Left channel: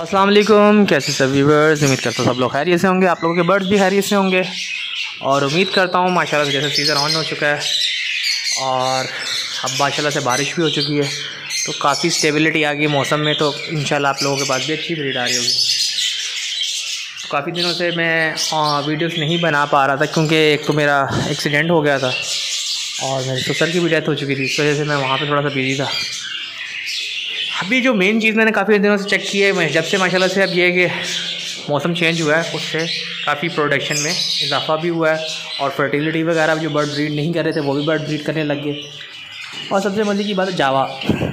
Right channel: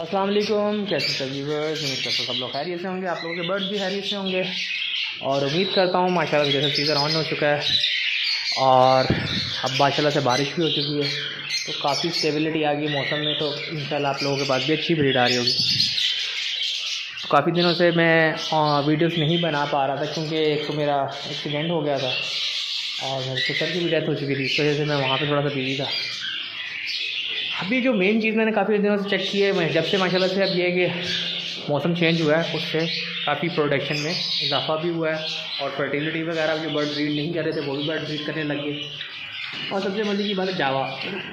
अस्सलाम वालेकुम, कैसे सब व्यूअर्स। उम्मीद करता हूँ सब लोग खैरियत से होंगे, आप लोगों के बर्ड्स भी खैरियत से होंगे। और उम्मीद करता हूँ माशाल्लाह जैसे सीज़न ऑन हो चुका है और अब माशाल्लाह से बारिश भी हो चुकी है तो काफ़ी स्टेबिलिटी आ गई मौसम में। तो इंशाल्लाह आप लोगों के पास भी अच्छी ब्रीड आ रही होगी। तो काफ़ी दिनों से मैं वीडियोस नहीं बना पा रहा था क्योंकि एक तो मेरा एक्सीडेंट हो गया था और मेरे ससुर की भी डेथ हो चुकी थी, इस वजह से मैं वहाँ पर थोड़ा सा बिजी था। अभी जो मेन चीज़ मैंने काफ़ी दिनों से चेक की है, जब से माशाल्लाह से अब ये है कि मौसम चेंज हुआ है उससे काफ़ी प्रोडक्शन में इजाफा भी हुआ है और फर्टिलिटी वगैरह जो बर्ड ब्रीड नहीं कर रहे थे वो भी बर्ड ब्रीड करने लग गए। और सबसे मज़े की बात है जावा।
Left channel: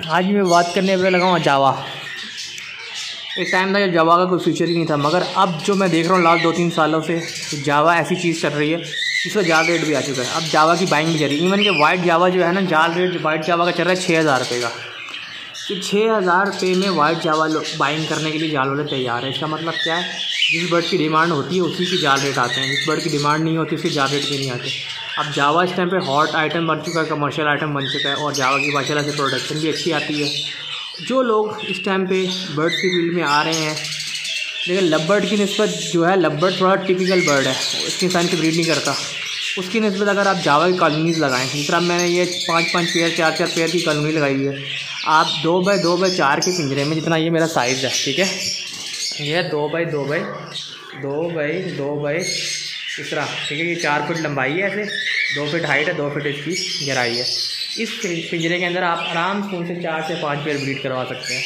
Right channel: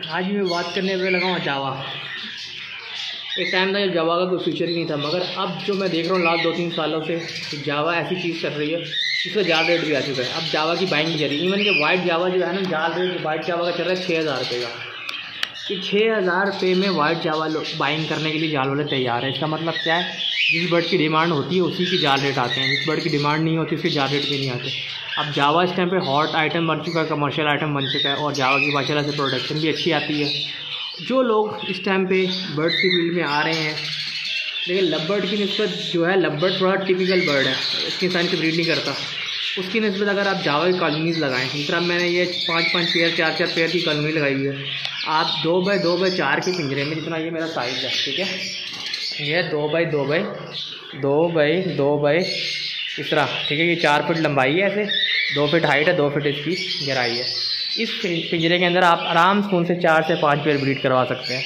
आज भी मैं बात करने पर लगा हूँ जावा। एक टाइम था जब जावा का कोई फ्यूचर ही नहीं था, मगर अब जो मैं देख रहा हूँ लास्ट 2-3 सालों से तो जावा ऐसी चीज़ चल रही है जिसका जाल रेट भी आ चुका है। अब जावा की बाइंग भी चल रही है। इवन कि वाइट जावा जो है ना, जाल रेट वाइट जावा का चल रहा है 6000 रुपये का। तो 6000 रुपये में वाइट जावा बाइंग करने के लिए जाल वाले तैयार है। इसका मतलब क्या है, जिस बर्ड की डिमांड होती है उसी की जाल रेट आते हैं, जिस बर्ड की डिमांड नहीं होती उसके जाल रेट भी नहीं आते। अब जावा इस टाइम पे हॉट आइटम बन चुका है, कमर्शियल आइटम बन चुका है और जावा की माशाल्लाह से प्रोडक्शन भी अच्छी आती है। जो लोग इस टाइम पे बर्ड की फील्ड में आ रहे हैं, लेकिन लवबर्ड की निस्बत जो है, लवबर्ड थोड़ा टिपिकल बर्ड है, इतनी टाइम से ब्रीड नहीं करता। उसकी निस्बत अगर आप जावा की कॉलोनीज़ लगाएँ, जिस तरह मैंने ये 5-5 पेयर 4-4 पेयर की कॉलोनी लगाई हुई है, आप 2x2x4 के पिंजरे में, जितना ये मेरा साइज़ है, ठीक है, ये 2x2x2 इस तरह, ठीक है, ये 4 फीट लंबाई है, ऐसे 2 फीट हाइट है, 2 फीट इसकी गहराई है। इस पिंजरे के अंदर आप आराम से उनसे 4 से 5 पेयर ब्रीड करवा सकते हैं,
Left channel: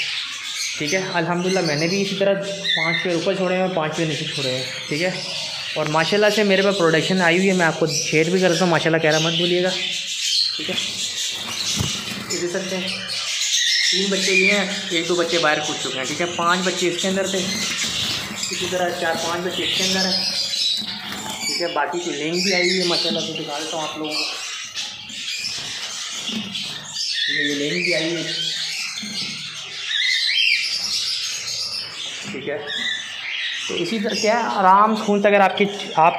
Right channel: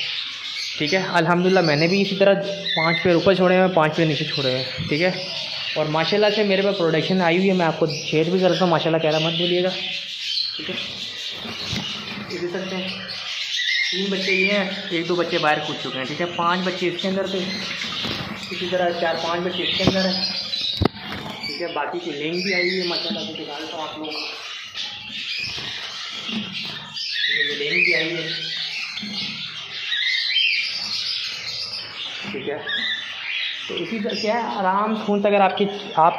ठीक है। अल्हम्दुलिल्लाह मैंने भी इसी तरह 5 पेयर ऊपर छोड़े हैं, 5 पेयर नीचे छोड़े हैं, ठीक है। और माशाल्लाह से मेरे पास प्रोडक्शन आई हुई है, मैं आपको शेयर भी करता हूँ। माशाल्लाह कह रहा मत भूलिएगा, ठीक है। ये देख सकते हैं 3 बच्चे ये हैं, 1-2 बच्चे बाहर कूद चुके हैं, ठीक है। 5 बच्चे इसके अंदर थे, इसी तरह 4-5 बच्चे इसके अंदर हैं, ठीक है। बाकी की लेंग भी आई हुई है माशाल्लाह से, दिखाता हूँ आप लोगों को, ठीक है। ये लेंग भी आई है, ठीक है। तो इसी तरह क्या है, आराम से खून से अगर आप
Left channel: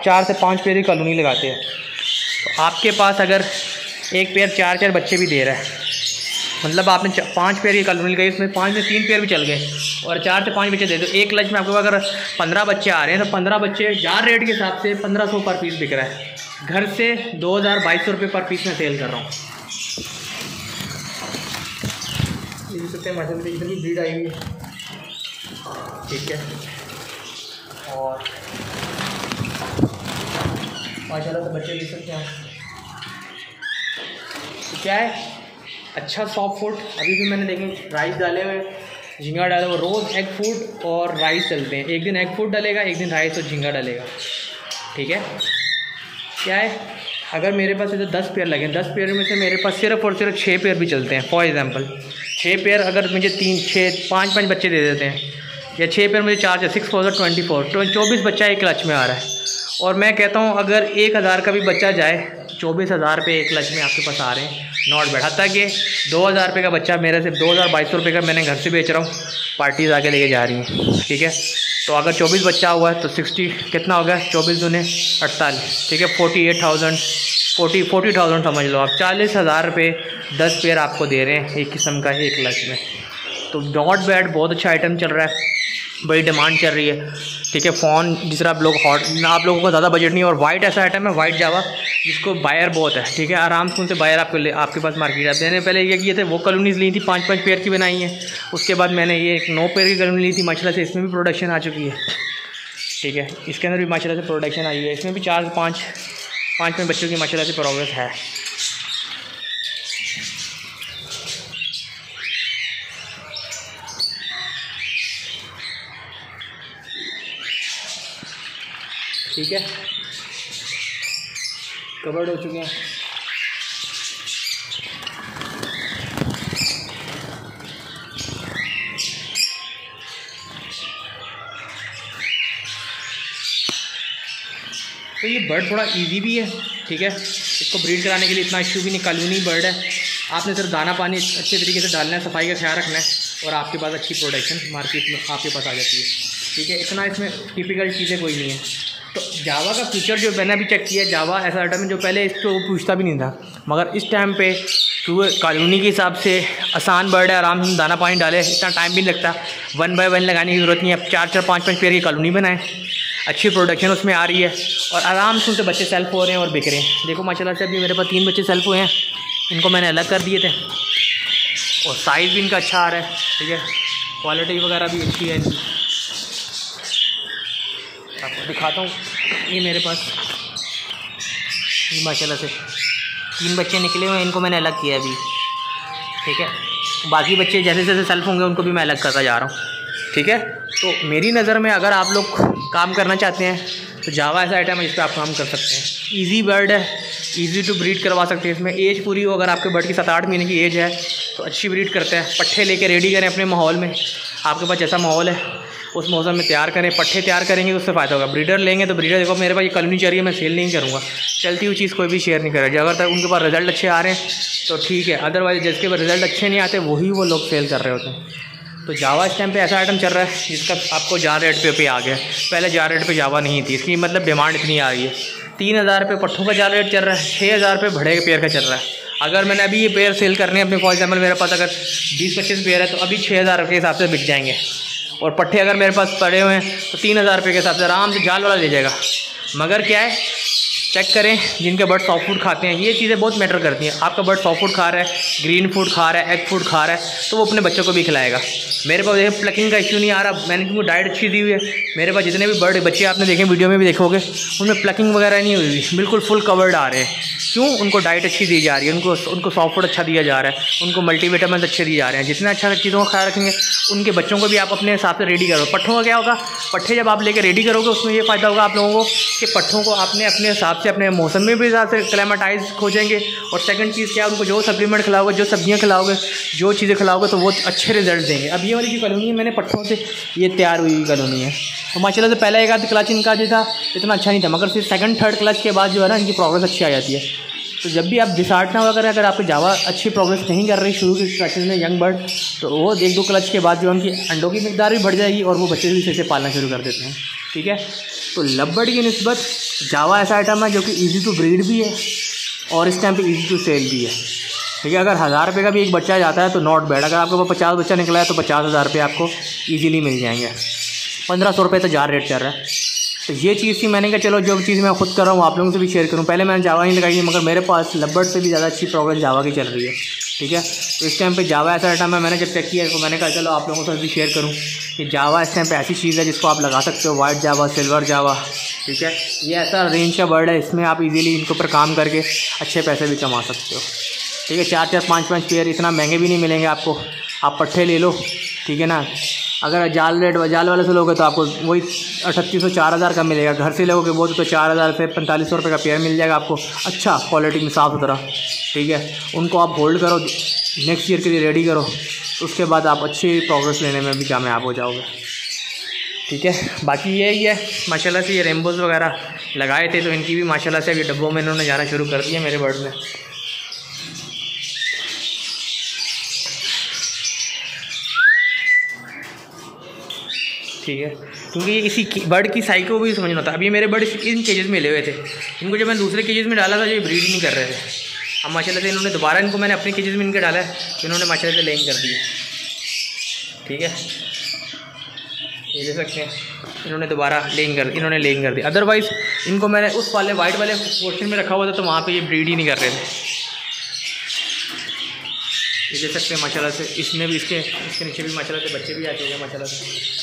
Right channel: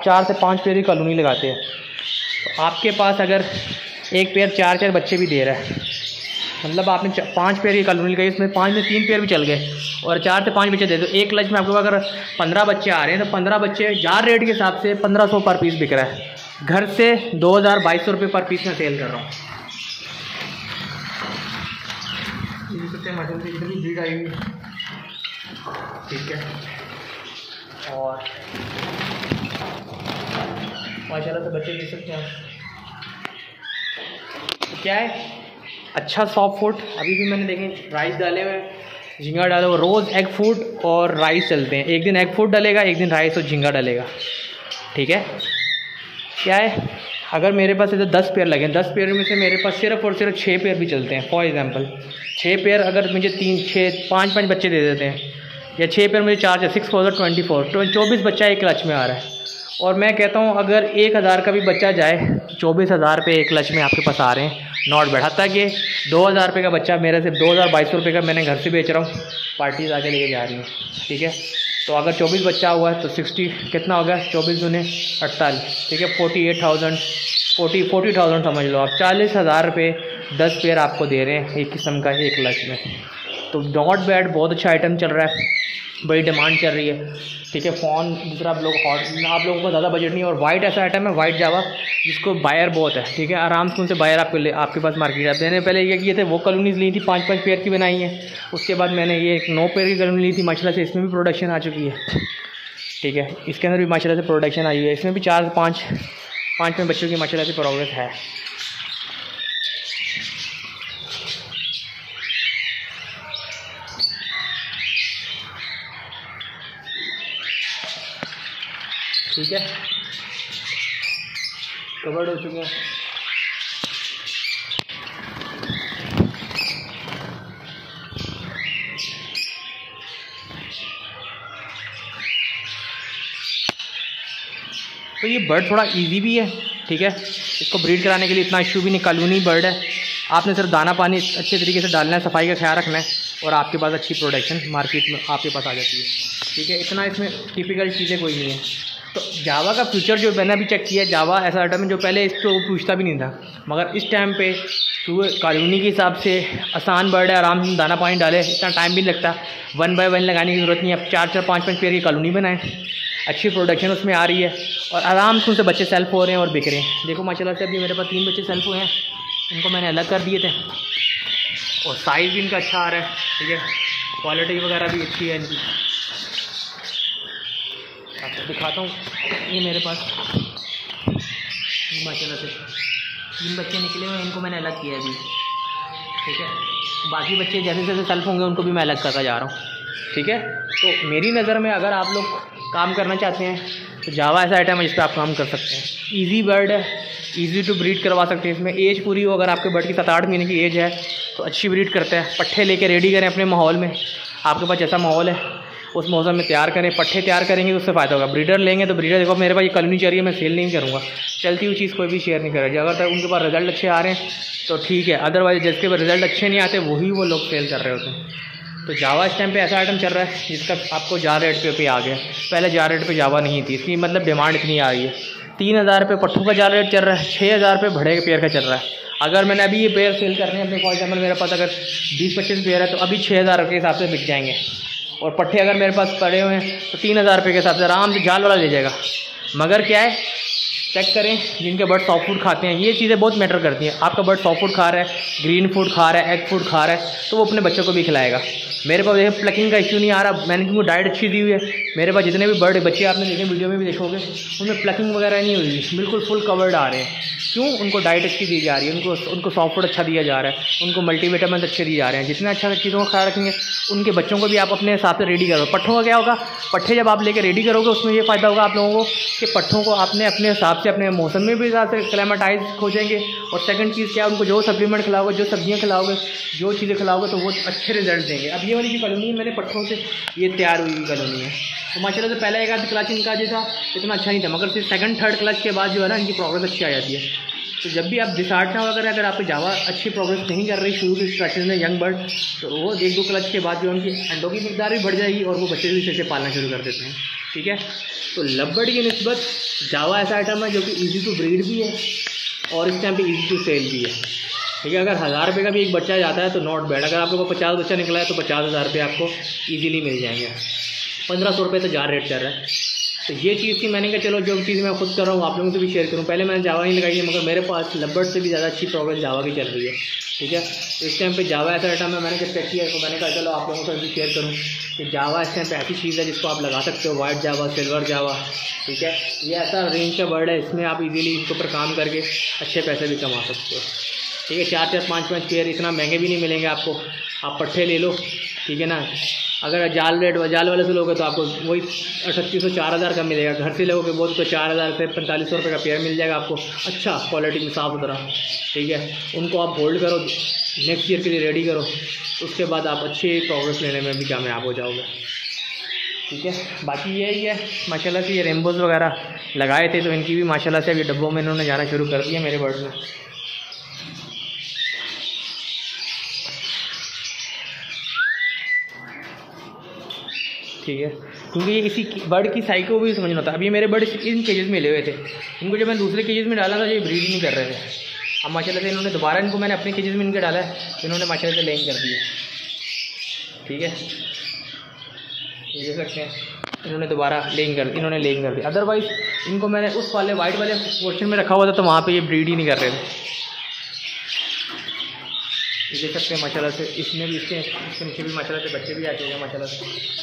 4 से 5 पेयर की कॉलोनी लगाते हैं तो आपके पास अगर एक पेयर 4-4 बच्चे भी दे रहा है, मतलब आपने 5 पेयर की कॉलोनी लगाई, उसमें 5 में 3 पेयर भी चल गए और 4 से 5 बच्चे दे दो, एक लक्ष्य में आपके पास अगर 15 बच्चे आ रहे हैं तो 15 बच्चे जार रेट के हिसाब से 1500 पर पीस बिक रहा है। घर से 2200 रुपये पर पीस में सेल कर रहा हूँ। इतनी ब्रीड आई हुई, ठीक है। और माशाल्लाह से बच्चे देख सकते हैं। तो क्या है, अच्छा सॉफ्ट फूड। अभी भी मैंने देखें राइस डाले हुए, झींगा डाले हुए, रोज़ एग फूड और राइस चलते हैं। एक दिन एग फूड डालेगा, एक दिन राइस और झींगा डालेगा, ठीक है। क्या है, अगर मेरे पास तो 10 पेयर लगे, 10 पेयर में से मेरे पास सिर्फ और सिर्फ 6 पेयर भी चलते हैं। फॉर एग्जांपल 6 पेयर अगर मुझे 5-5 बच्चे दे देते हैं, या 6 पेयर मुझे 4 6 4 24 बच्चा एक क्लच में आ रहा है। और मैं कहता हूँ अगर 1000 का भी बच्चा जाए तो 24,000 रुपये एक क्लच में आपके पास आ रहे हैं, नॉट बैड। हत्ता कि 2000 रुपये का बच्चा मेरे से 2200 रुपये का मैंने घर से बेच रहा हूँ, पार्टीज़ आके लेके जा रही हैं, ठीक है। तो अगर 24 बच्चा हुआ है तो 60 कितना हो गया, 24 दूने 48, ठीक है। 40,000 समझ लो आप। 40,000 रुपये 10 पेयर आपको दे रहे हैं एक किस्म का एक क्लच में। तो नॉट बैड, बहुत अच्छा आइटम चल रहा है, बड़ी डिमांड चल रही है, ठीक है। फ़ोन जिस तरह आप लोग आप लोगों को ज़्यादा बजट नहीं है। और वाइट ऐसा आइटम है, वाइट जावा, जिसको बायर बहुत है, ठीक है। आराम से उनसे बायर आपके पास मार्केट है। मैंने पहले ये किए थे, वो कॉलोनीज़ ली थी, 5-5 पेयर की बनाई हैं। उसके बाद मैंने ये 9 पेयर की कॉलोनी ली थी, माशाल्लाह से इसमें भी प्रोडक्शन आ चुकी है, ठीक है। इसके अंदर भी माशाल्लाह से प्रोडक्शन आई है, इसमें भी 4 से 5 में बच्चों की माशाल्लाह से प्रोग्रेस है, ठीक है। कवर्ड हो चुके हैं। तो ये बर्ड थोड़ा इजी भी है, ठीक है। इसको ब्रीड कराने के लिए इतना इशू भी नहीं, कॉलोनी बर्ड है। आपने सिर्फ दाना पानी अच्छे तरीके से डालना है, सफाई का ख्याल रखना है और आपके पास अच्छी प्रोडक्शन मार्केट में आपके पास आ जाती है, ठीक है। इतना इसमें टिपिकल चीज़ें कोई नहीं है। तो जावा का फ्यूचर जो मैंने अभी चेक किया, जावा ऐसा आइटम है जो पहले इसको पूछता भी नहीं था, मगर इस टाइम पे क्योंकि कॉलोनी के हिसाब से आसान बर्ड है, आराम से दाना पानी डाले, इतना टाइम भी नहीं लगता। 1 बाय 1 लगाने की ज़रूरत नहीं है। अब 4-4 5-5 पेयर की कॉलोनी बनाएं, अच्छी प्रोडक्शन उसमें आ रही है और आराम से उनसे बच्चे सेल्फ हो रहे हैं और बिक रहे हैं। देखो माशाल्लाह से अभी मेरे पास 3 बच्चे सेल्फ हुए हैं, इनको मैंने अलग कर दिए थे और साइज़ भी इनका अच्छा आ रहा है। ठीक है, क्वालिटी वगैरह भी अच्छी है इनकी। आपको दिखाता हूँ, ये मेरे पास माशाल्लाह से 3 बच्चे निकले हुए हैं, इनको मैंने अलग किया अभी। ठीक है, बाकी बच्चे जैसे जैसे सेल्फ होंगे उनको भी मैं अलग करता जा रहा हूँ। ठीक है, तो मेरी नज़र में अगर आप लोग काम करना चाहते हैं तो जावा ऐसा आइटम है जिस पर आप काम कर सकते हैं। ईजी बर्ड है, ईजी टू ब्रीड करवा सकते हैं। इसमें एज पूरी हो, अगर आपके बर्ड की 7-8 महीने की एज है तो अच्छी ब्रीड करते हैं। पट्ठे लेके रेडी करें अपने माहौल में, आपके पास जैसा माहौल है उस मौसम में तैयार करें। पट्ठे तैयार करेंगे तो उससे फ़ायदा होगा। ब्रीडर लेंगे तो ब्रीडर, देखो मेरे पास ये कॉलोनी चाहिए, मैं सेल नहीं करूँगा, चलती हुई चीज़ कोई भी शेयर नहीं करेगा। अगर तक उनके पास रिजल्ट अच्छे आ रहे हैं तो ठीक है, अदरवाइज जिसके पास रिजल्ट अच्छे नहीं आते वही वो लोग सेल कर रहे होते हैं। तो जावा इस टाइम पे ऐसा आइटम चल रहा है जिसका आपको जार रेट पे आ गया। पहले जार रेट पे जावा नहीं थी, इसकी मतलब डिमांड इतनी आ रही है। 3000 रुपये पट्ठों का जार रेट चल रहा है, 6000 रुपये भड़े के पेयर का चल रहा है। अगर मैंने अभी ये पेयर सेल करने हैं अपने, फॉर एग्जाम्पल मेरे पास अगर 20-25 पेयर है तो अभी 6000 के हिसाब से बिक जाएंगे। और पट्ठे अगर मेरे पास पड़े हुए हैं तो 3000 रुपये के हिसाब से आराम से जाल वाला ले जाएगा। मगर क्या है, चेक करें जिनके बर्ड सॉफ्ट फूड खाते हैं, ये चीज़ें बहुत मैटर करती हैं। आपका बर्ड सॉफ्ट फूड खा रहा है, ग्रीन फूड खा रहा है, एग फूड खा रहा है तो वो अपने बच्चों को भी खिलाएगा। मेरे पास देखिए प्लकिंग का इश्यू नहीं आ रहा, मैंने उनको डाइट अच्छी दी हुई है। मेरे पास जितने भी बर्ड बच्चे आपने देखे, वीडियो में भी देखोगे, उनमें प्लकिंग वगैरह नहीं हुई, बिल्कुल फुल कवर्ड आ रहे हैं। क्यों? उनको डाइट अच्छी दी जा रही है, उनको सॉफ्ट फूड अच्छा दिया जा रहा है, उनको मल्टीविटामिन अच्छे दिए जा रहे हैं। जितना अच्छा चीज़ों का ख्याल रखेंगे उनके बच्चों को भी आप अपने हिसाब से रेडी करो। पट्ठों का क्या होगा, पट्ठे जब आप लेके रेडी करोगे उसमें ये फ़ायदा होगा आप लोगों को कि पट्ठों को आपने अपने हिसाब से अपने मौसम में भी हिसाब से क्लाइमेटाइज खोजेंगे। और सेकंड चीज़ क्या है, उनको जो सप्लीमेंट खिलाओगे, जो सब्जियाँ खिलाओगे, जो चीज़ें खिलाओगे तो वो अच्छे रिजल्ट देंगे। अब ये वाली जो कॉलोनी है मैंने पट्ठों से ये तैयार हुई कॉलोनी है, तो माशाल्लाह से पहला एक आध क्लच इनका जो था इतना अच्छा नहीं था, मगर फिर सेकंड थर्ड क्लच के बाद जो है ना इनकी प्रोग्रेस अच्छी आ जाती है। तो जब भी आप डिसार्ट ना अगर आपकी जावा अच्छी प्रोग्रेस नहीं कर रही शुरू की स्टार्टिंग में यंग बर्ड, तो वो 1-2 क्लच के बाद जो उनकी अंडों की मिकदार भी बढ़ जाएगी और वो बच्चे भी इसे पालना शुरू कर देते हैं। ठीक है, तो लवबर्ड की निस्बत जावा ऐसा आइटम है जो कि ईजी टू ब्रीड भी है और इस टाइम पे ईजी टू सेल भी है। ठीक है, अगर 1000 रुपये का भी एक बच्चा जाता है तो नॉट बैड। अगर आपके पास 50 बच्चा निकला है तो 50,000 रुपये आपको ईजिली मिल जाएंगे। 1500 रुपये तो जार रेट चल रहा है। तो ये चीज़ थी, मैंने कहा चलो जो चीज़ मैं खुद कर रहा हूँ आप लोगों से भी शेयर करूँ। पहले मैंने जावा नहीं लगाई है, मगर मेरे पास लवबर्ड से भी ज़्यादा अच्छी प्रोग्रेस जावा की चल रही है। ठीक है, तो इस टाइम पे जावा ऐसा आइटम है, मैंने जब चेक किया तो मैंने कहा चलो आप लोगों से भी शेयर करूँ कि जावा इस टाइम पे ऐसी चीज़ है जिसको आप लगा सकते हो, वाइट जावा, सिल्वर जावा। ठीक है, ये ऐसा रेंज का बर्ड है, इसमें आप इजीली इनके ऊपर काम करके अच्छे पैसे भी कमा सकते हो। ठीक है, 4-4 5-5 पेयर इतना महंगे भी नहीं मिलेंगे आपको। आप पट्ठे ले लो, ठीक है ना। अगर जाल वाले से लोगे तो आपको वही 3800-4000 का मिलेगा। घर से लोगे वो तो 4000 से 4500 रुपये का पेयर मिल जाएगा आपको, अच्छा क्वालिटी में, साफ़ सुथरा। ठीक है, उनको आप होल्ड करो, नेक्स्ट ईयर के लिए रेडी करो, उसके बाद आप अच्छी प्रोग्रेस लेने में भी कामयाब हो जाओगे। ठीक है, बाकी यही है माशाल्लाह से। ये रेम्बोज़ वगैरह लगाए थे तो इनकी भी माशाल्लाह से अभी डब्बों में इन्होंने जाना शुरू कर दिया मेरे बर्ड में। ठीक है, क्योंकि इसी बर्ड की साइको भी समझना होता है। अभी मेरे बर्ड इन केजेस में ले हुए थे, इनको जब मैंने दूसरे केजेस में डाला था जो ये ब्रीड नहीं कर रहे थे। अब माशाल्लाह से इन्होंने दोबारा इनको मैंने अपने केजेस में इनके डाला है तो इन्होंने माशाल्लाह से लेइंग कर दी है। ठीक है, ये देख सकते हैं, इन्होंने दोबारा लेइंग कर दी। अदरवाइज़ इनको मैंने उस वाले वाइट वाले पोर्शन में रखा हुआ था तो वहाँ पर ये ब्रीड ही नहीं कर रहे थे। ये देख सकते हैं माशाल्लाह से, इसमें भी इसके नीचे भी माशाल्लाह से बच्चे भी आ चुके हैं माशाल्लाह से।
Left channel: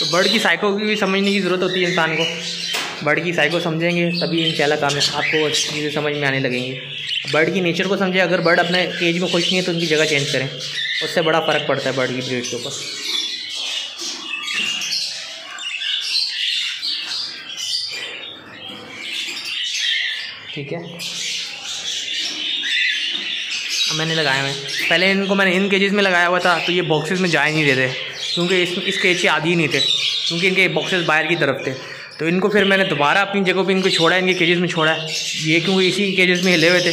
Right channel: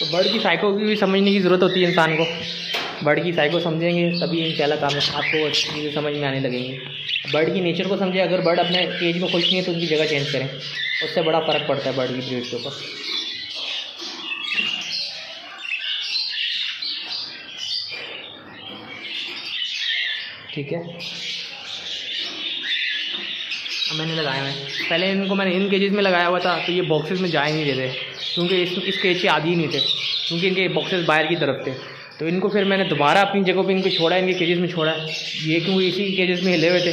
तो बर्ड की साइको की भी समझने की ज़रूरत होती है इंसान को। बर्ड की साइको समझेंगे तभी इंशाल्लाह काम है, आपको चीज़ें समझ में आने लगेंगी। बर्ड की नेचर को समझे। अगर बर्ड अपने केज में खुश नहीं है तो उनकी जगह चेंज करें, उससे बड़ा फ़र्क पड़ता है बर्ड की ब्रीड के ऊपर। ठीक है, अब मैंने लगाया है, पहले इनको मैंने इन केजेस में लगाया हुआ था तो ये बॉक्सेस में जा ही नहीं रहे थे, क्योंकि इस केज के आदि ही नहीं थे, क्योंकि इनके बॉक्सेस बाहर की तरफ थे। तो इनको फिर मैंने दोबारा अपनी जगह पे इनको छोड़ा, इनके केजेस में छोड़ा है। ये क्योंकि इसी केजेस में ले हुए थे,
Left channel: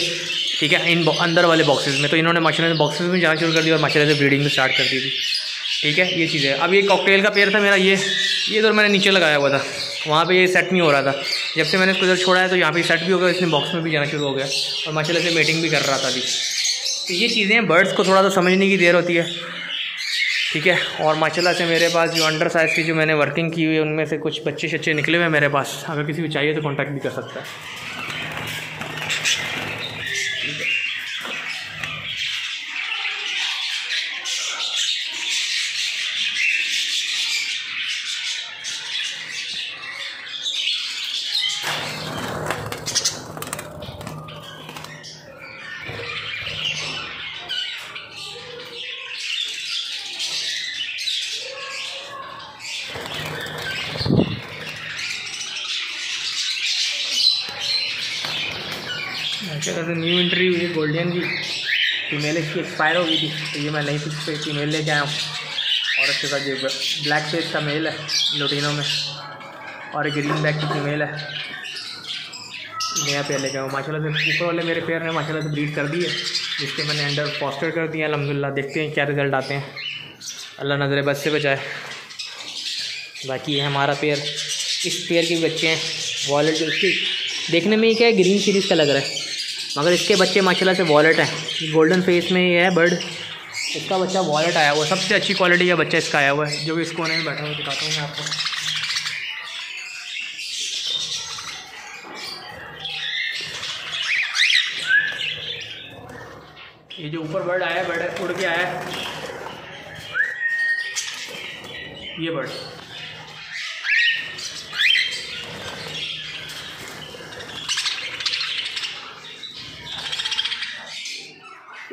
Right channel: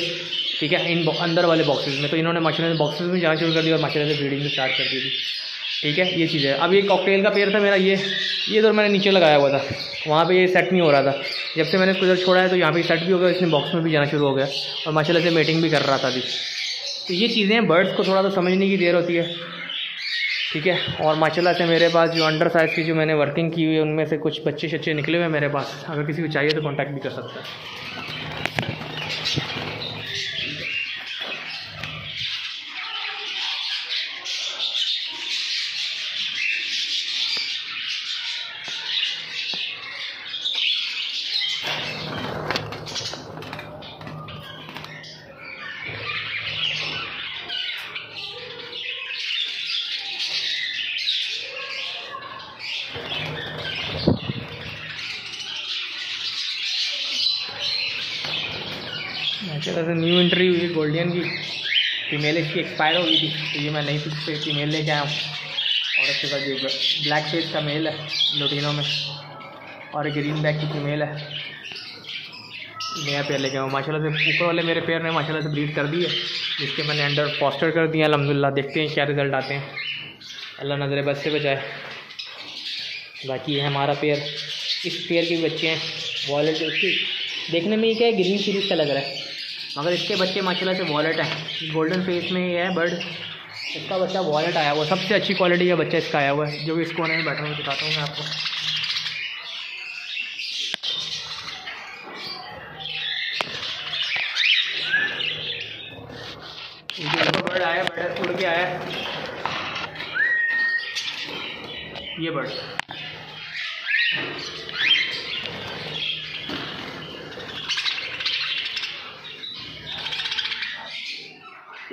ठीक है, इन अंदर वाले बॉक्सेस में, तो इन्होंने माशाल्लाह से बॉक्सेस में जाना शुरू कर दिया और माशाल्लाह से ब्रीडिंग में स्टार्ट कर दी थी। ठीक है, ये चीज़ है। अब ये कॉकटेल का पेयर था मेरा, ये तो मैंने नीचे लगाया हुआ था, वहाँ पे ये सेट नहीं हो रहा था। जब से मैंने इसको इधर छोड़ा है तो यहाँ पे सेट भी हो गया, इसने बॉक्स में भी जाना शुरू हो गया और माशाल्लाह से मेटिंग भी कर रहा था अभी। तो ये चीज़ें बर्ड्स को थोड़ा सा समझने की देर होती है, ठीक है। और माशाल्लाह से मेरे पास जो अंडर साइज़ की जो मैंने वर्किंग की हुई है उनमें से कुछ बच्चे शच्चे निकले हुए हैं मेरे पास, अगर किसी को चाहिए तो कॉन्टैक्ट भी कर सकता है। माशाल्लाह से न्यू एंट्री हुई है गोल्डियन की, फीमेल इसकी एक्सपायर हो गई थी, तो ये मैं नई फीमेल लेके आया हूँ। और इसके साथ ये ब्लैक फेस का मेल है लुटिनो में, और ग्रीन बैक की फीमेल है, नया पेयर लेके आया हूँ। माशाल्लाह से ऊपर वाले मेरे पेयर ने माशाल्लाह से ब्रीड कर दी है, जिसके मैंने अंडर फॉस्टर कर दिया अल्हम्दुलिल्लाह। देखते हैं क्या रिज़ल्ट आते हैं, अल्लाह नज़र बद से बचाए। बाकी ये हमारा पेयर, इस पेयर के बच्चे हैं वॉलेट, उसकी देखने में ही क्या है ग्रीन सीरीज़ का लग रहा है, मगर इसके बच्चे माशाल्लाह से वॉलेट हैं। गोल्डन फेस में ये है बर्ड, इसका बच्चा वॉलेट आया हुआ है, सबसे अच्छी क्वालिटी का बच्चा इसका आया हुआ है, जो भी इस कोने में बैठा हुआ दिखाता हूँ मैं आपको। ये जो ऊपर बर्ड आया, बर्ड उड़ के आया है, ये बर्ड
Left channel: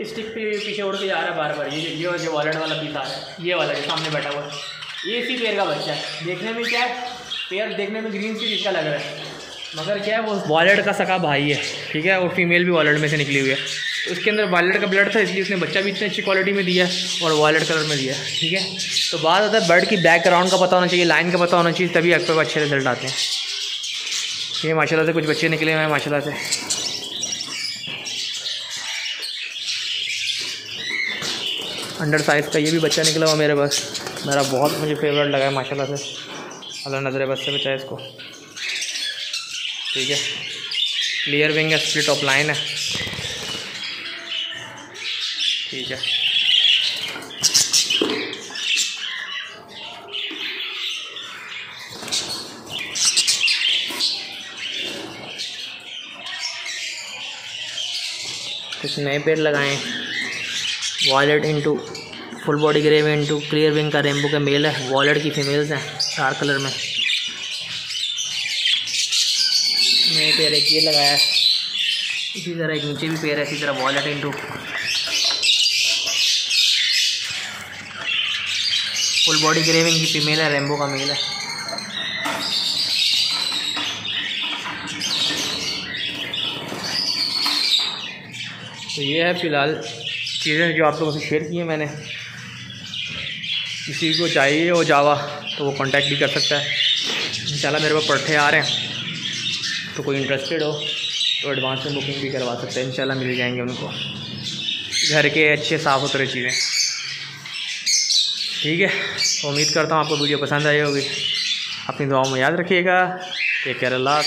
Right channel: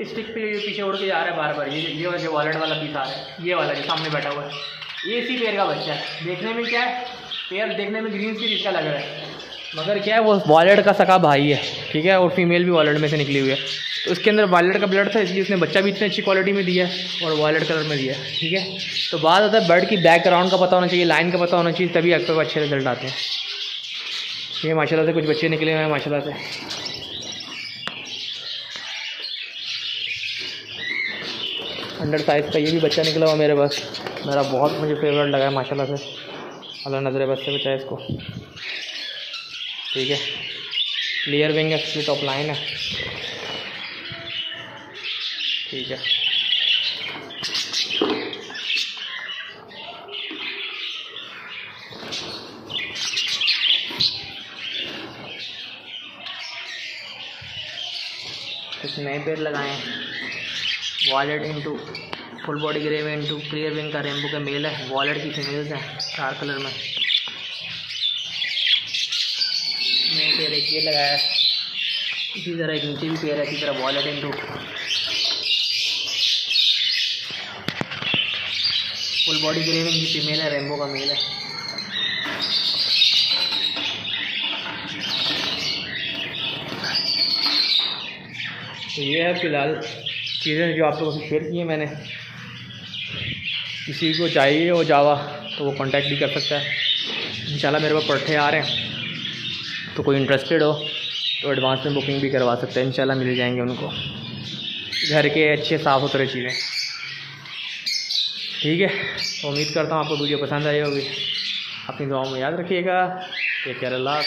स्टिक पे पीछे उड़ के जा रहा है बार बार। ये जो वॉलेट वाला पीस आ रहा है, ये वाला जो सामने बैठा हुआ है, ये इसी पेयर का बच्चा है। देखने में क्या है, पेयर देखने में ग्रीन सी इसका लग रहा है, मगर क्या है वो वॉलेट का सका भाई है, ठीक है। और फीमेल भी वॉलेट में से निकली हुई है, तो उसके अंदर वॉलेट का ब्लड था, इसलिए उसने बच्चा भी इतनी अच्छी क्वालिटी में दिया है और वॉलेट कलर में दिया है, ठीक है। तो बात होता है बर्ड की बैकग्राउंड का पता होना चाहिए, लाइन का पता होना चाहिए, तभी आपके पास अच्छे रिजल्ट आते हैं। ये माशाल्लाह से कुछ बच्चे निकले हुए हैं माशाल्लाह से। अंडर साइज़ का ये भी बच्चा निकला हुआ मेरे पास, मेरा बहुत मुझे फेवरेट लगा है माशाल्लाह से, अल्लाह नज़र बद से बचाए इसको, ठीक है। क्लियर विंग है, स्प्लिट ऑफ लाइन है, ठीक है। कुछ नए पेड़ लगाए, wallet into full body grey में इंटू क्लियर विंग का रेनबो का मेल है, वॉलेट की फीमेल्स हैं डार्क कलर में। नए पेयर एक ये लगाया, इसी तरह एक नीचे भी पेयर है, इसी तरह wallet into full body grey wing की फीमेल है, रेनबो का मेल है। तो ये है फ़िलहाल चीज़ें जो आप लोगों से शेयर की है मैंने। किसी को चाहिए हो जावा तो वो कांटेक्ट भी कर सकता है। इंशाल्लाह मेरे पास पट्टे आ रहे हैं, तो कोई इंटरेस्टेड हो तो एडवांस में बुकिंग भी करवा सकते हैं, इंशाल्लाह मिल जाएंगे उनको घर के अच्छे साफ़ सुथरे चीज़ें, ठीक है। तो उम्मीद करता हूँ आपको वीडियो पसंद आई होगी, अपनी दुआओं में याद रखिएगा। टेक केयर, अल्लाह।